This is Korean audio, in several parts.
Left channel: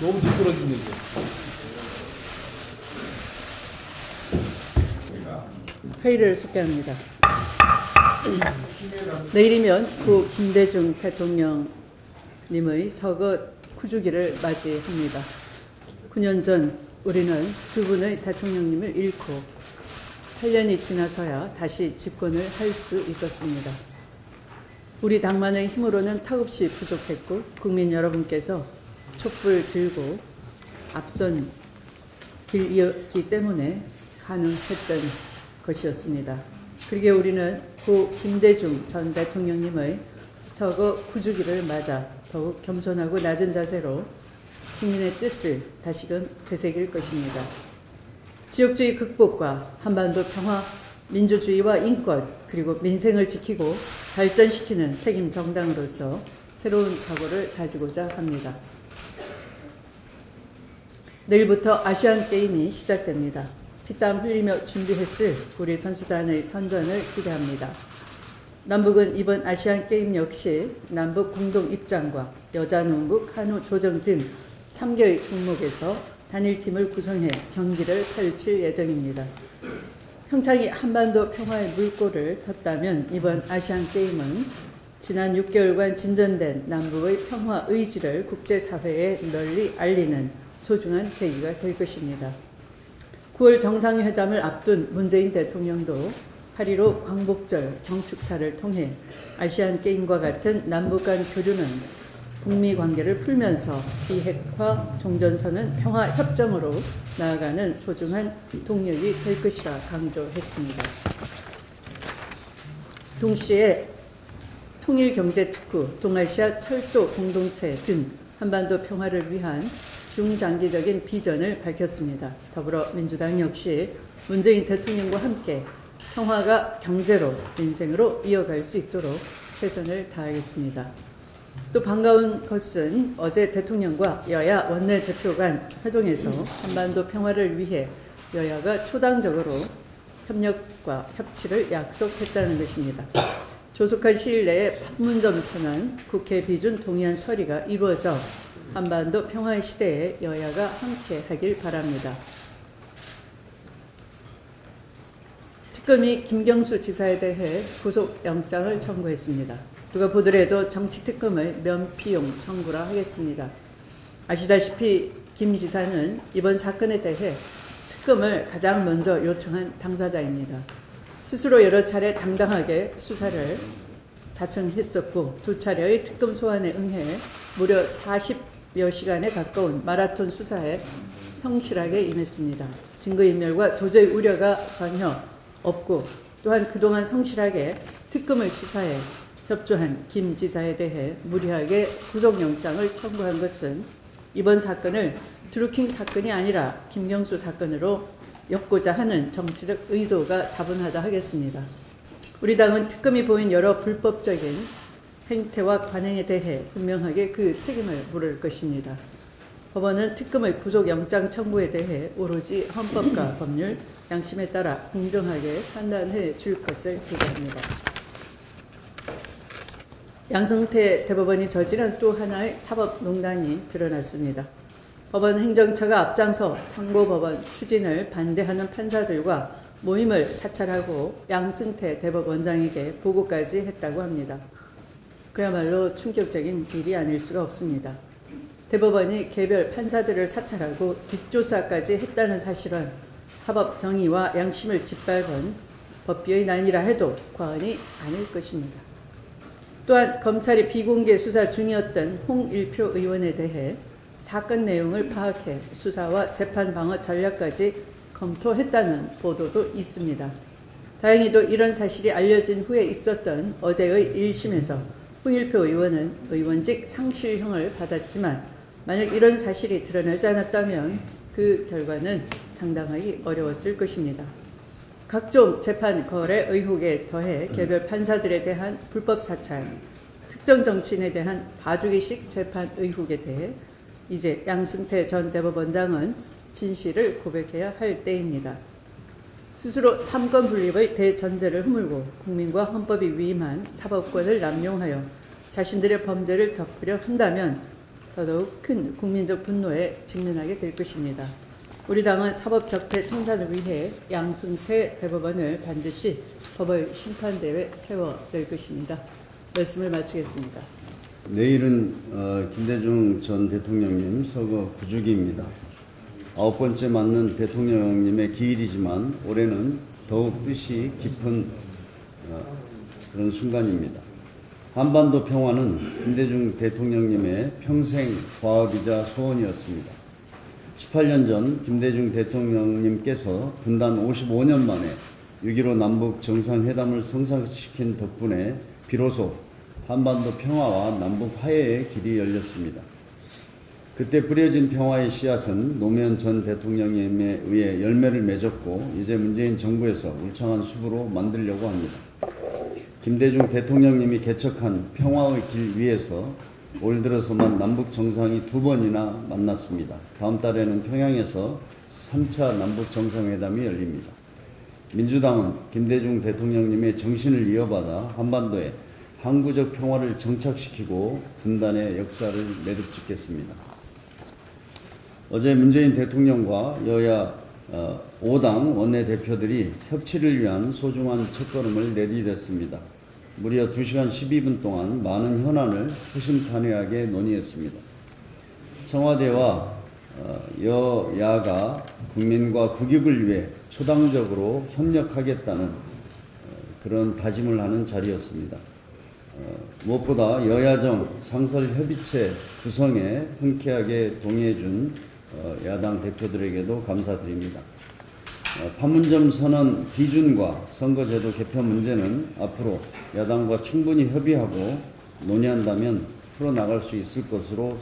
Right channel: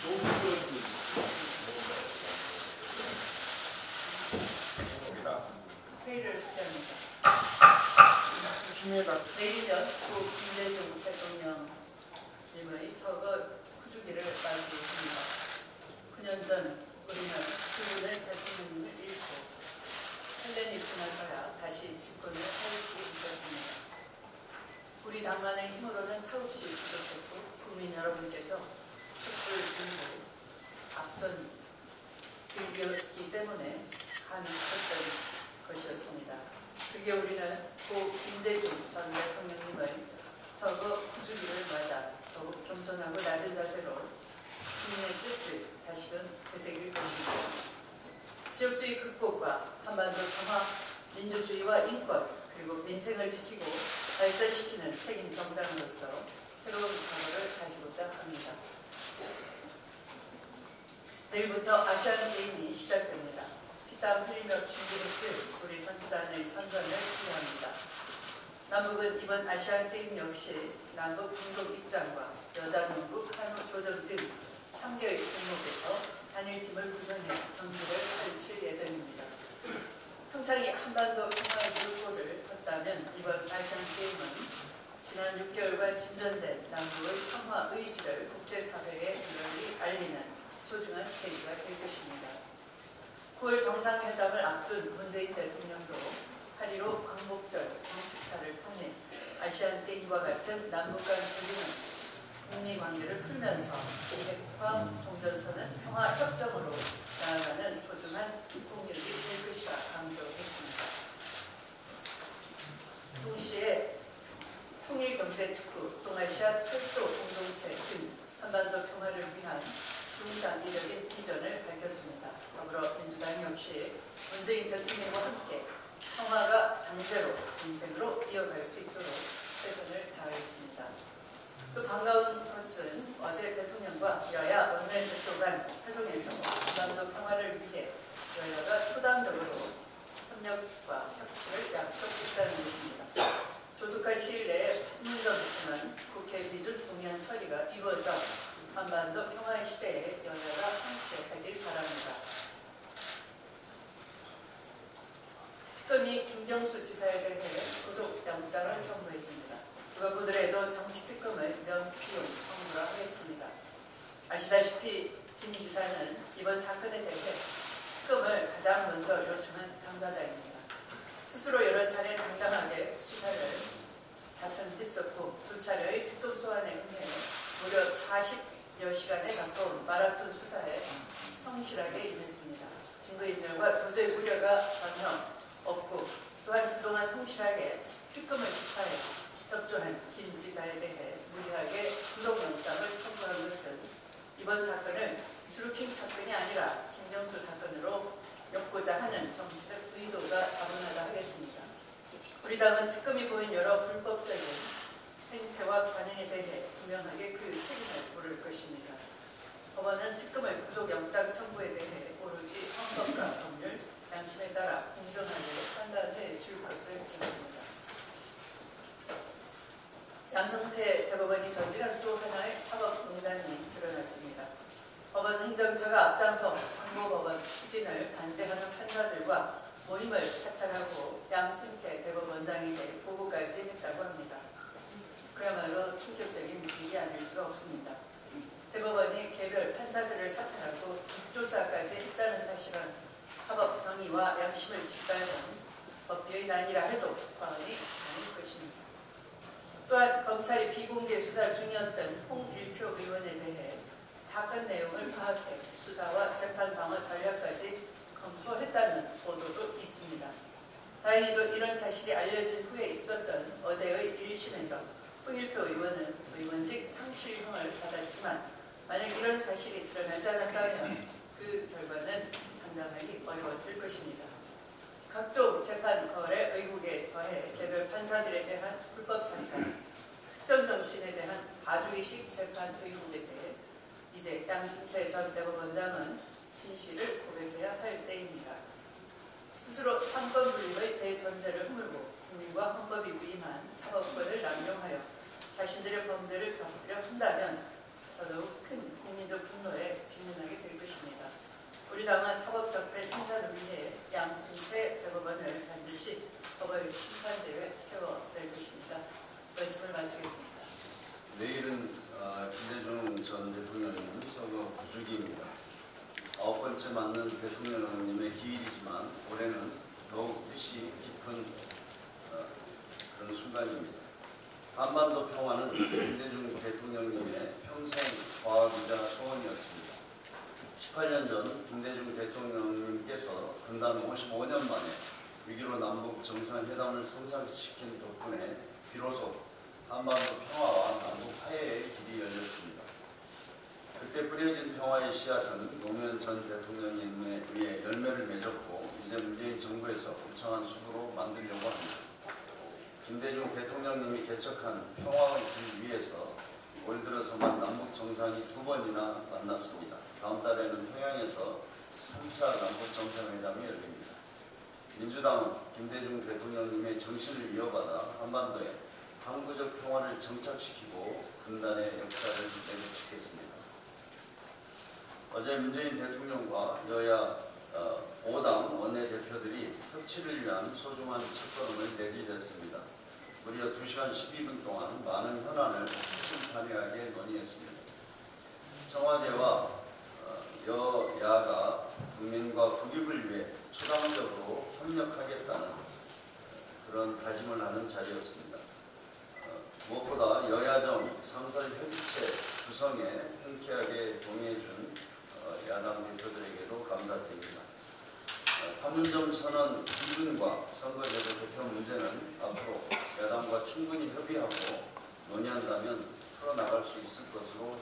너무 미끄러지네 이제. 회의를 소개합니다. 내일이면 구 김대중 대통령님의 서거 9주기를 맞이합니다. 9년 전 우리는 두 분의 대통령님을 잃고 8년이 지나서야 다시 집권을 할 수 있었습니다. 우리 당만의 힘으로는 턱없이 부족했고 국민 여러분께서 촛불 들고 앞선 길이었기 때문에 가능했던 것이었습니다. 그러기에 우리는 고 김대중 전 대통령님의 서거 9주기를 맞아 더욱 겸손하고 낮은 자세로 국민의 뜻을 다시금 되새길 것입니다. 지역주의 극복과 한반도 평화, 민주주의와 인권, 그리고 민생을 지키고 발전시키는 책임 정당으로서 새로운 각오를 가지고자 합니다. 내일부터 아시안게임이 시작됩니다. 피땀 흘리며 준비했을 우리 선수단의 선전을 기대합니다. 남북은 이번 아시안게임 역시 남북 공동 입장과 여자농구, 카누 조정 등 3개의 종목에서 단일팀을 구성해 경기를 펼칠 예정입니다. 평창이 한반도 평화의 물꼬를 텄다면 이번 아시안게임은 지난 6개월간 진전된 남북의 평화 의지를 국제사회에 널리 알리는 소중한 계기가 될 것입니다. 9월 정상회담을 앞둔 문재인 대통령도 8.15 광복절 경축사를 통해 아시안게임과 같은 남북 간 교류는 북미 관계를 풀면서 비핵화 종전선언 평화협정으로 나아가는 소중한 동력이 될 것이라 강조했습니다. 동시에 통일경제특구, 동아시아 철도 공동체 등 한반도 평화를 위한 중장기적인 비전을 밝혔습니다. 더불어민주당 역시 문재인 대통령과 함께 평화가 경제로, 민생으로 이어갈 수 있도록 최선을 다하겠습니다. 또 반가운 것은 어제 대통령과 여야 원내대표 간 회동에서 한반도 평화를 위해 여야가 초당적으로 협력과 협치를 약속했다는 것입니다. 조속한 시일 내에 판문점 선언, 국회 비준 동의안 처리가 이루어져 한반도 평화의 시대에 여야가 함께 하길 바랍니다. 특검이 김경수 지사에 대해 구속영장을 청구했습니다. 누가 보더라도 정치특검의 면피용 청구라 하겠습니다. 아시다시피 김 지사는 이번 사건에 대해 특검을 가장 먼저 요청한 당사자입니다. 스스로 여러 차례 당당하게 수사를 자청했었고 두 차례의 특검 소환에 응해 무려 40여 시간에 가까운 마라톤 수사에 성실하게 임했습니다. 증거인멸과 도저히 우려가 전혀 없고 또한 그동안 성실하게 특검의 수사에 협조한 김 지사에 대해 무리하게 구속영장을 청구한 것은 이번 사건을 드루킹 사건이 아니라 김경수 사건으로 엮고자 하는 정치적 의도가 다분하다 하겠습니다. 우리 당은 특검이 보인 여러 불법적인 행태와 관행에 대해 분명하게 그 책임을 물을 것입니다. 법원은 특검의 구속영장 청구에 대해 오로지 헌법과 법률, 양심에 따라 공정하게 판단해 줄 것을 기대합니다. 양승태 대법원이 저지른 또 하나의 사법농단이 드러났습니다. 법원 행정처가 앞장서 상고법원 추진을 반대하는 판사들과 모임을 사찰하고 양승태 대법원장에게 보고까지 했다고 합니다. 그야말로 충격적인 일이 아닐 수가 없습니다. 대법원이 개별 판사들을 사찰하고 뒷조사까지 했다는 사실은 사법 정의와 양심을 짓밟은 법비의 난이라 해도 과언이 아닐 것입니다. 또한 검찰이 비공개 수사 중이었던 홍일표 의원에 대해 사건 내용을 파악해 수사와 재판 방어 전략까지 검토했다는 보도도 있습니다. 다행히도 이런 사실이 알려진 후에 있었던 어제의 1심에서 홍일표 의원은 의원직 상실형을 받았지만 만약 이런 사실이 드러나지 않았다면 그 결과는 장담하기 어려웠을 것입니다. 각종 재판 거래 의혹에 더해 개별 판사들에 대한 불법 사찰, 특정 정치인에 대한 봐주기식 재판 의혹에 대해 이제 양승태 전 대법원장은 진실을 고백해야 할 때입니다. 스스로 삼권 분립의 대전제를 허물고 국민과 헌법이 위임한 사법권을 남용하여 자신들의 범죄를 덮으려 한다면 더더욱 큰 국민적 분노에 직면하게 될 것입니다. 우리 당은 사법적폐 청산을 위해 양승태 대법원을 반드시 법원 심판대에 세워낼 것입니다. 말씀을 마치겠습니다. 내일은 김대중 전 대통령님 서거 9주기입니다. 9번째 맞는 대통령님의 기일이지만 올해는 더욱 뜻이 깊은 그런 순간입니다. 한반도 평화는 김대중 대통령님의 평생 과업이자 소원이었습니다. 18년 전 김대중 대통령님께서 분단 55년 만에 6.15 남북 정상회담을 성사시킨 덕분에 비로소 한반도 평화와 남북 화해의 길이 열렸습니다. 그때 뿌려진 평화의 씨앗은 노무현 전 대통령님에 의해 열매를 맺었고 이제 문재인 정부에서 울창한 숲으로 만들려고 합니다. 김대중 대통령님이 개척한 평화의 길 위에서 올 들어서만 남북 정상이 2번이나 만났습니다. 다음 달에는 평양에서 3차 남북 정상회담이 열립니다. 민주당은 김대중 대통령님의 정신을 이어받아 한반도에 항구적 평화를 정착시키고 분단의 역사를 매듭짓겠습니다. 어제 문재인 대통령과 여야 5당 원내대표들이 협치를 위한 소중한 첫걸음을 내디뎠습니다. 무려 2시간 12분 동안 많은 현안을 허심탄회하게 논의했습니다. 청와대와 여야가 국민과 국익을 위해 초당적으로 협력하겠다는 그런 다짐을 하는 자리였습니다. 무엇보다 여야정 상설협의체 구성에 흔쾌하게 동의해준 야당 대표들에게도 감사드립니다. 판문점 선언 기준과 선거제도 개편 문제는 앞으로 야당과 충분히 협의하고 논의한다면 풀어나갈 수 있을 것으로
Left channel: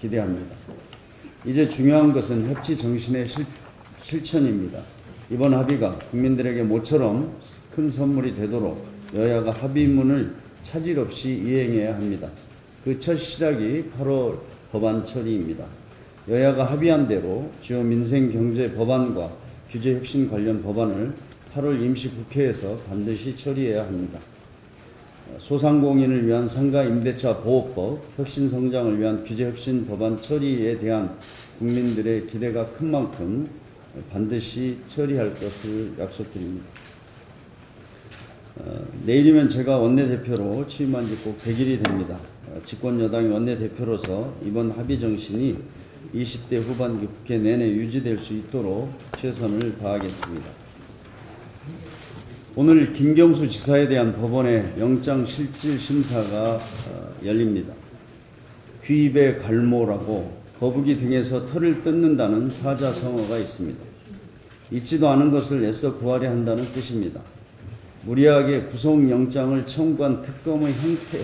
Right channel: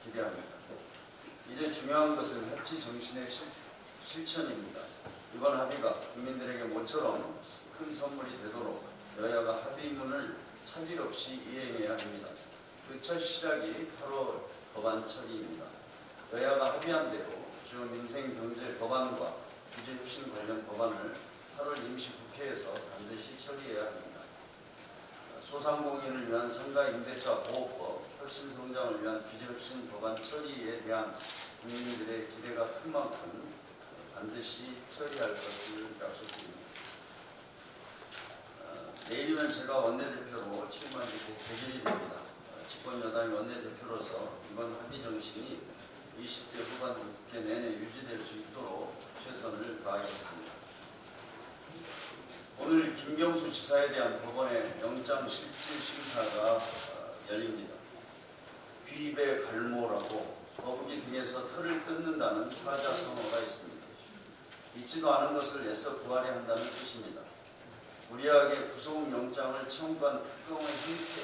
기대합니다. 이제 중요한 것은 협치 정신의 실천입니다. 이번 합의가 국민들에게 모처럼 큰 선물이 되도록 여야가 합의문을 차질 없이 이행해야 합니다. 그 첫 시작이 8월 법안 처리입니다. 여야가 합의한 대로 주요 민생 경제 법안과 규제 혁신 관련 법안을 8월 임시국회에서 반드시 처리해야 합니다. 소상공인을 위한 상가 임대차 보호법, 혁신 성장을 위한 규제 혁신 법안 처리에 대한 국민들의 기대가 큰 만큼 반드시 처리할 것을 약속드립니다. 내일이면 제가 원내대표로 취임한 지 꼭 100일이 됩니다. 집권여당의 원내대표로서 이번 합의 정신이 20대 후반기 국회 내내 유지될 수 있도록 최선을 다하겠습니다. 오늘 김경수 지사에 대한 법원의 영장실질심사가 열립니다. 귀입의 갈모라고 거북이 등에서 털을 뜯는다는 사자성어가 있습니다. 있지도 않은 것을 애써 구하려 한다는 뜻입니다. 무리하게 구속영장을 청구한 특검의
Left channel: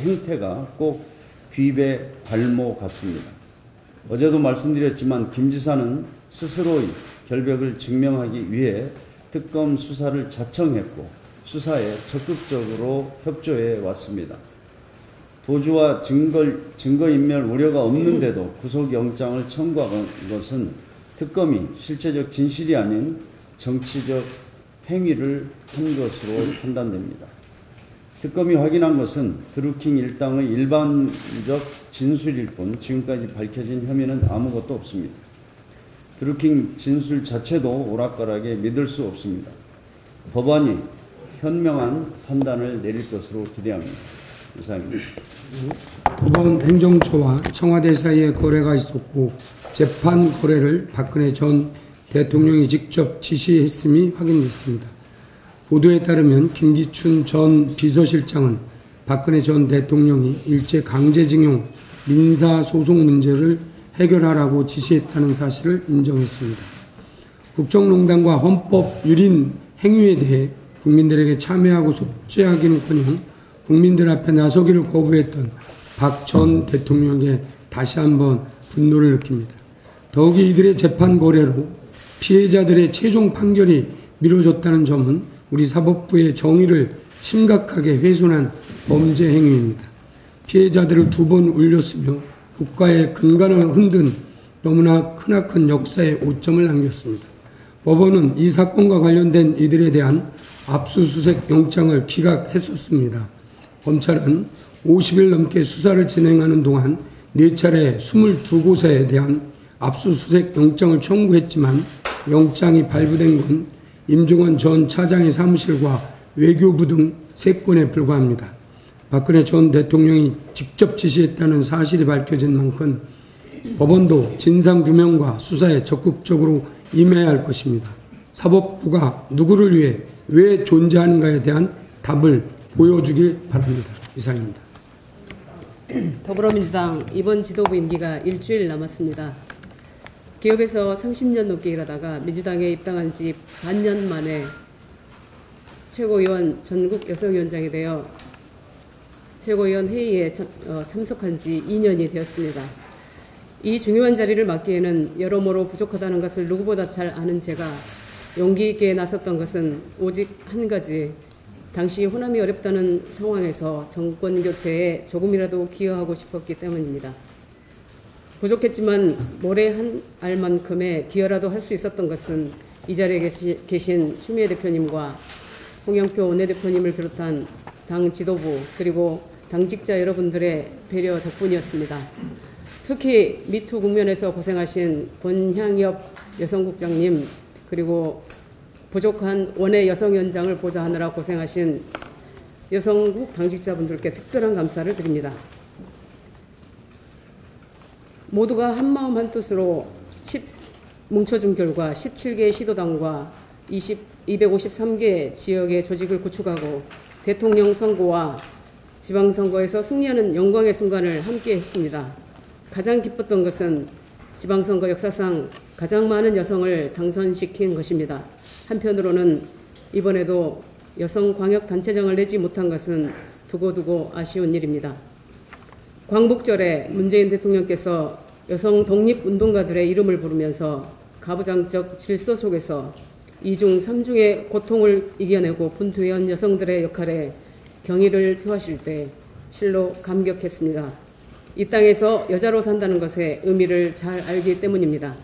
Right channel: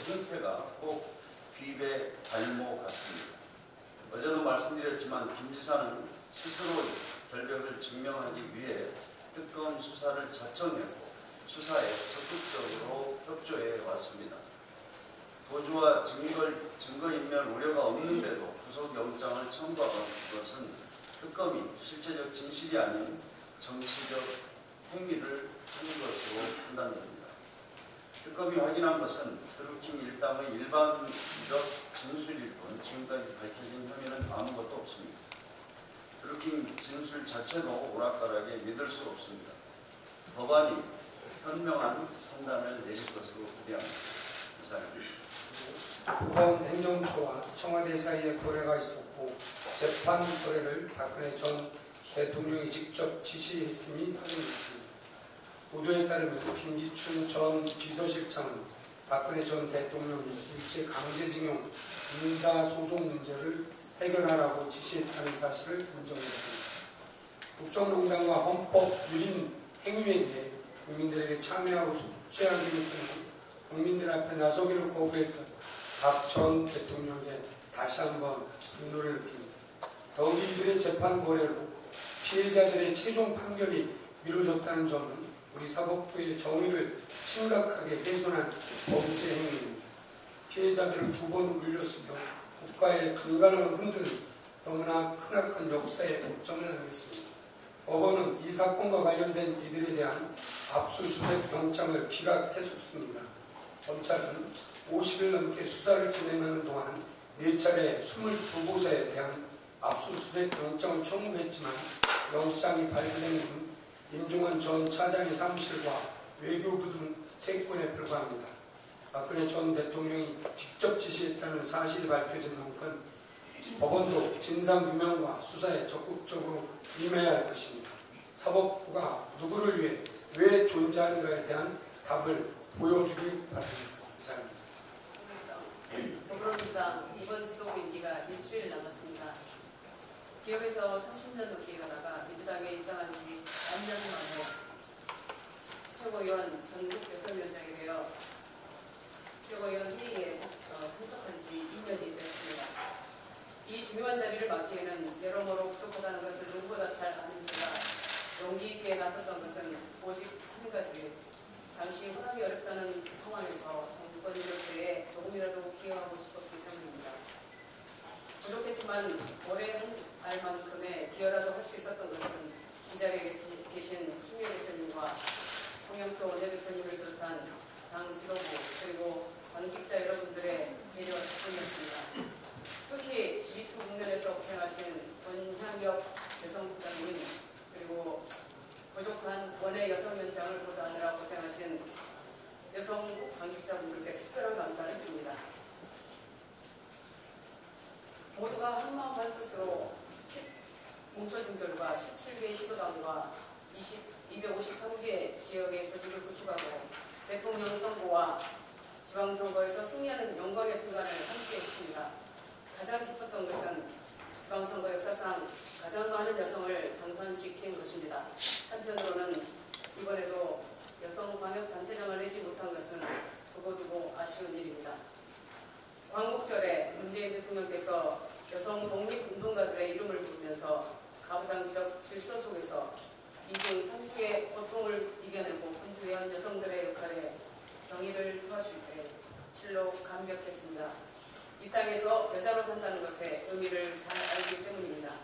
행태가 꼭 귀입의 갈모 같습니다. 어제도 말씀드렸지만 김 지사는 스스로의 결백을 증명하기 위해 특검 수사를 자청했고 수사에 적극적으로 협조해 왔습니다. 도주와 증거인멸 우려가 없는데도 구속영장을 청구한 것은 특검이 실체적 진실이 아닌 정치적 행위를 한 것으로 판단됩니다. 특검이 확인한 것은 드루킹 일당의 일반적 진술일 뿐 지금까지 밝혀진 혐의는 아무것도 없습니다. 드루킹 진술 자체도 오락가락에 믿을 수 없습니다. 법원이 현명한 판단을 내릴 것으로 기대합니다. 이상입니다. 이번 행정처와 청와대 사이에 거래가 있었고 재판 거래를 박근혜 전 대통령이 직접 지시했음이 확인됐습니다. 보도에 따르면 김기춘 전 비서실장은 박근혜 전 대통령이 일제 강제징용 민사소송 문제를 해결하라고 지시했다는 사실을 인정했습니다. 국정농단과 헌법 유린 행위에 대해 국민들에게 참여하고 속죄하기는커녕 국민들 앞에 나서기를 거부했던 박 전 대통령에게 다시 한번 분노를 느낍니다. 더욱이 이들의 재판 거래로 피해자들의 최종 판결이 미뤄졌다는 점은 우리 사법부의 정의를 심각하게 훼손한 범죄 행위입니다. 피해자들을 2번 울렸으며 국가의 근간을 흔든 너무나 크나큰 역사의 오점을 남겼습니다. 법원은 이 사건과 관련된 이들에 대한 압수수색 영장을 기각했었습니다. 검찰은 50일 넘게 수사를 진행하는 동안 4차례 22곳에 대한 압수수색 영장을 청구했지만 영장이 발부된 건 임종원 전 차장의 사무실과 외교부 등 3건에 불과합니다. 박근혜 전 대통령이 직접 지시했다는 사실이 밝혀진 만큼 법원도 진상규명과 수사에 적극적으로 임해야 할 것입니다. 사법부가 누구를 위해 왜 존재하는가에 대한 답을 보여주길 바랍니다. 이상입니다. 더불어민주당 이번 지도부 임기가 일주일 남았습니다. 기업에서 30년 넘게 일하다가 민주당에 입당한 지 반년 만에 최고위원 전국 여성위원장이 되어 최고위원 회의에 참석한 지 2년이 되었습니다. 이 중요한 자리를 맡기에는 여러모로 부족하다는 것을 누구보다 잘 아는 제가 용기 있게 나섰던 것은 오직 한 가지, 당시 호남이 어렵다는 상황에서 정권 교체에 조금이라도 기여하고 싶었기 때문입니다. 부족했지만 모래 한 알만큼의 기여라도 할 수 있었던 것은 이 자리에 계신 추미애 대표님과 홍영표 원내대표님을 비롯한 당 지도부 그리고 당직자 여러분들의 배려 덕분이었습니다. 특히 미투 국면에서 고생하신 권향엽 여성국장님 그리고 부족한 원외 여성위원장을 보좌하느라 고생하신 여성국 당직자분들께 특별한 감사를 드립니다. 모두가 한마음 한뜻으로 뭉쳐준 결과 17개 시도당과 253개 지역의 조직을 구축하고 대통령 선거와 지방선거에서 승리하는 영광의 순간을 함께 했습니다. 가장 기뻤던 것은 지방선거 역사상 가장 많은 여성을 당선시킨 것입니다. 한편으로는 이번에도 여성광역단체장을 내지 못한 것은 두고두고 아쉬운 일입니다. 광복절에 문재인 대통령께서 여성 독립운동가들의 이름을 부르면서 가부장적 질서 속에서 2중 3중의 고통을 이겨내고 분투해온 여성들의 역할에 경의를 표하실 때 실로 감격했습니다. 이 땅에서 여자로 산다는 것의 의미를 잘 알기 때문입니다.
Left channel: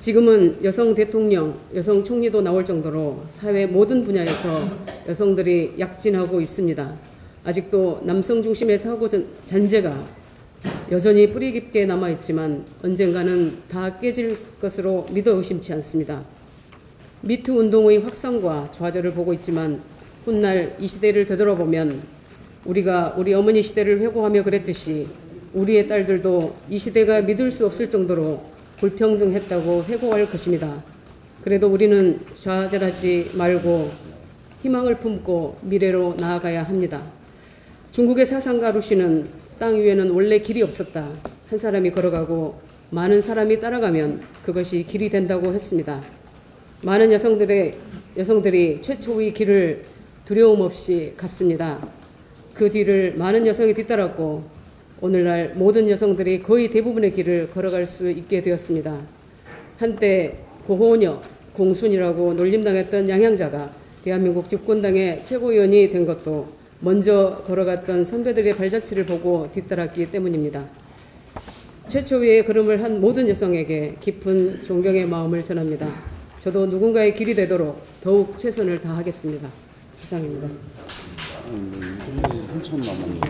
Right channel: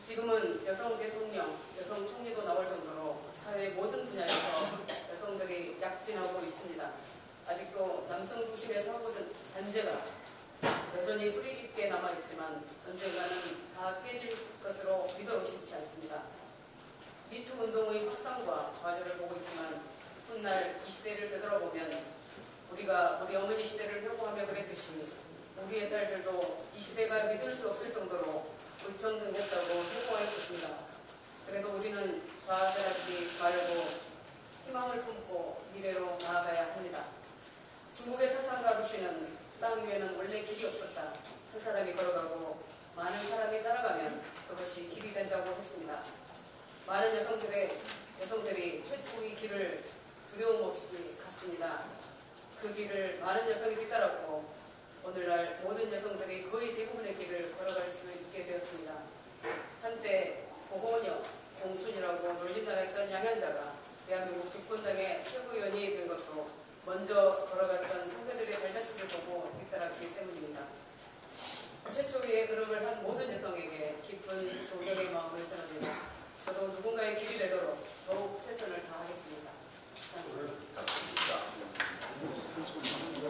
지금은 여성 대통령, 여성 총리도 나올 정도로 사회 모든 분야에서 여성들이 약진하고 있습니다. 아직도 남성 중심의 사고 잔재가 여전히 뿌리 깊게 남아있지만 언젠가는 다 깨질 것으로 믿어 의심치 않습니다. 미투 운동의 확산과 좌절을 보고 있지만 훗날 이 시대를 되돌아보면 우리가 우리 어머니 시대를 회고하며 그랬듯이 우리의 딸들도 이 시대가 믿을 수 없을 정도로 불평등했다고 회고할 것입니다. 그래도 우리는 좌절하지 말고 희망을 품고 미래로 나아가야 합니다. 중국의 사상가 루시는 땅 위에는 원래 길이 없었다. 한 사람이 걸어가고 많은 사람이 따라가면 그것이 길이 된다고 했습니다. 많은 여성들이 최초의 길을 두려움 없이 갔습니다. 그 뒤를 많은 여성이 뒤따랐고 오늘날 모든 여성들이 거의 대부분의 길을 걸어갈 수 있게 되었습니다. 한때 고호녀, 공순이라고 놀림당했던 양향자가 대한민국 집권당의 최고위원이 된 것도 먼저 걸어갔던 선배들의 발자취를 보고 뒤따랐기 때문입니다. 최초위의 걸음을 한 모든 여성에게 깊은 존경의 마음을 전합니다. 저도 누군가의 길이 되도록 더욱 최선을 다하겠습니다. 이상입니다. 3천 남았네요.